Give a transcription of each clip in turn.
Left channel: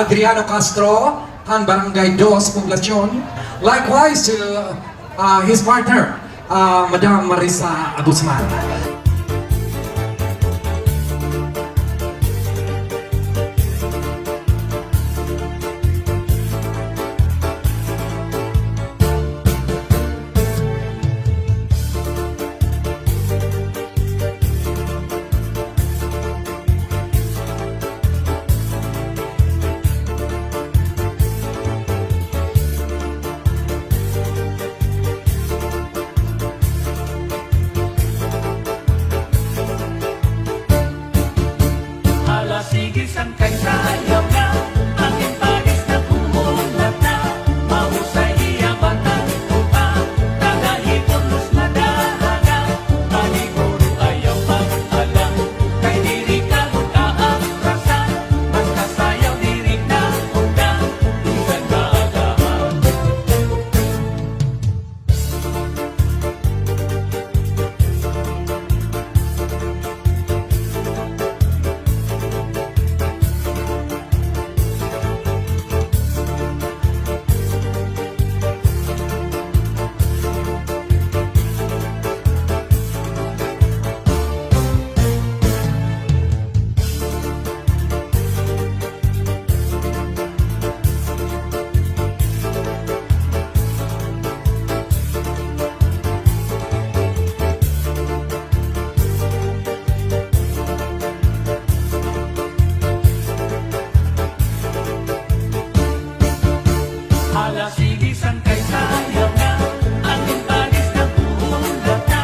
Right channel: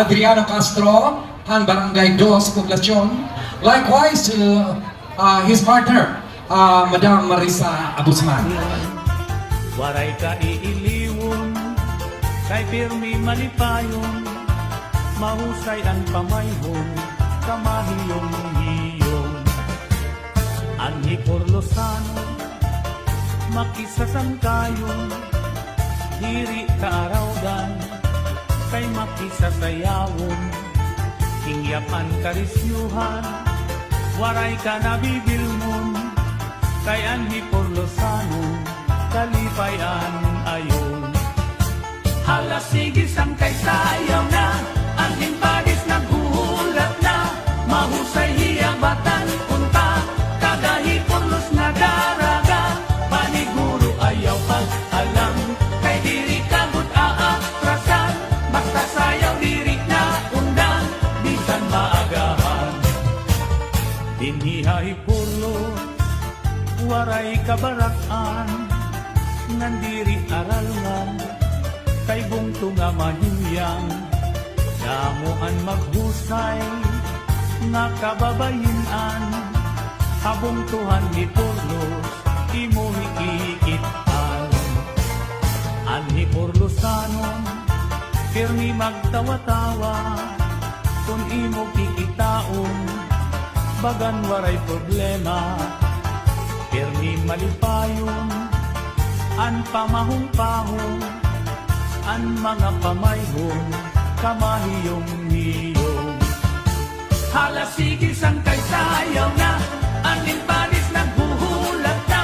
Adriano Castro, han Barangay Dos, Poblacion. Likewise to his partner, Madam Marisa Abusman. Waray ka iiliw, kay Birni malipay, mahusay ang kamay mo, kamahiyong iyong. Ang ikurlosan, makisasangkay, diri kaarawan, kay makisasayawon, hingyapan karisyuhan, waray ka nabibilmon, kay ang ikurlosan, kalibayan ayon. Hala sige sang kay sayaw na, ang impagis na buhulat na, mahusay hiyamatan pa, kagahipon na daraga, paniguro ayaw pag-alam, kay diri ka mag-aatrasan, basta sayaw diri na unda, bisan maagahan. Dinihay pulo, waray kabarakan, nandiri aralan, kay bunto nga manuyang, namuan maghusay, nakababayan, kabuntuhan itulo, di mo higihigitan. Ani Orlosanon, pirmi magtawa-tawa, kung di mo kikitaon, bagan waray problema, pirmi malipayon, an pamahong-pahong, an mga kamay mo, kamahiyong niyong. Hala sige sang kay sayaw na, ang impagis na buhulat na,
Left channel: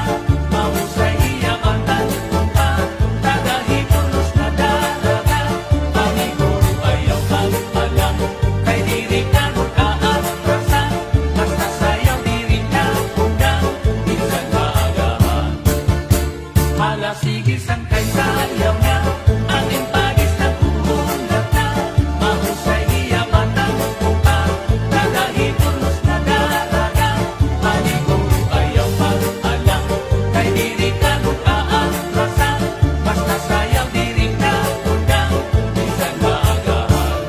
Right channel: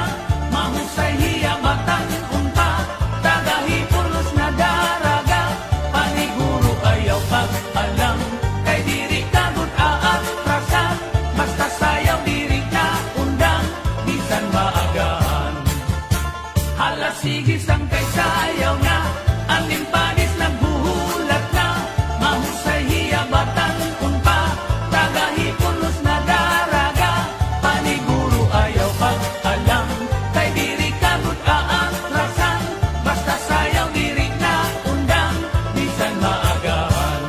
mahusay hiyamatan pa, tagahitulos na daraga, paniguro ayaw pag-alam, kay diri ka mag-aatrasan, basta sayaw diri ka undang, bisan maagaan. Hala sige sang kay sayaw na, ang impagis na buhulat na, mahusay hiyamatan pa, tagahitulos na daraga, paniguro ayaw pag-alam, kay diri ka mag-aatrasan, basta sayaw diri ka undang, bisan maagaan.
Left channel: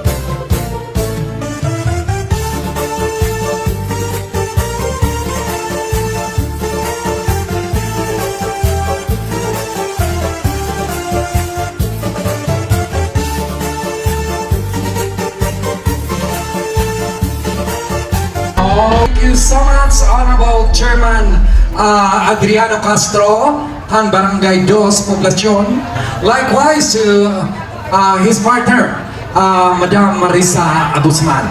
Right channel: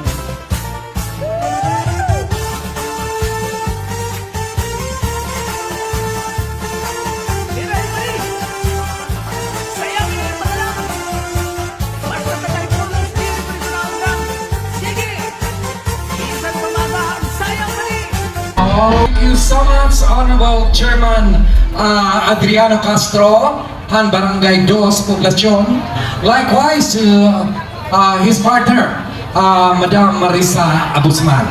Thank you so much, Honorable Chairman Adriano Castro, han Barangay Dos, Poblacion. Likewise to his partner, Madam Marisa Abusman.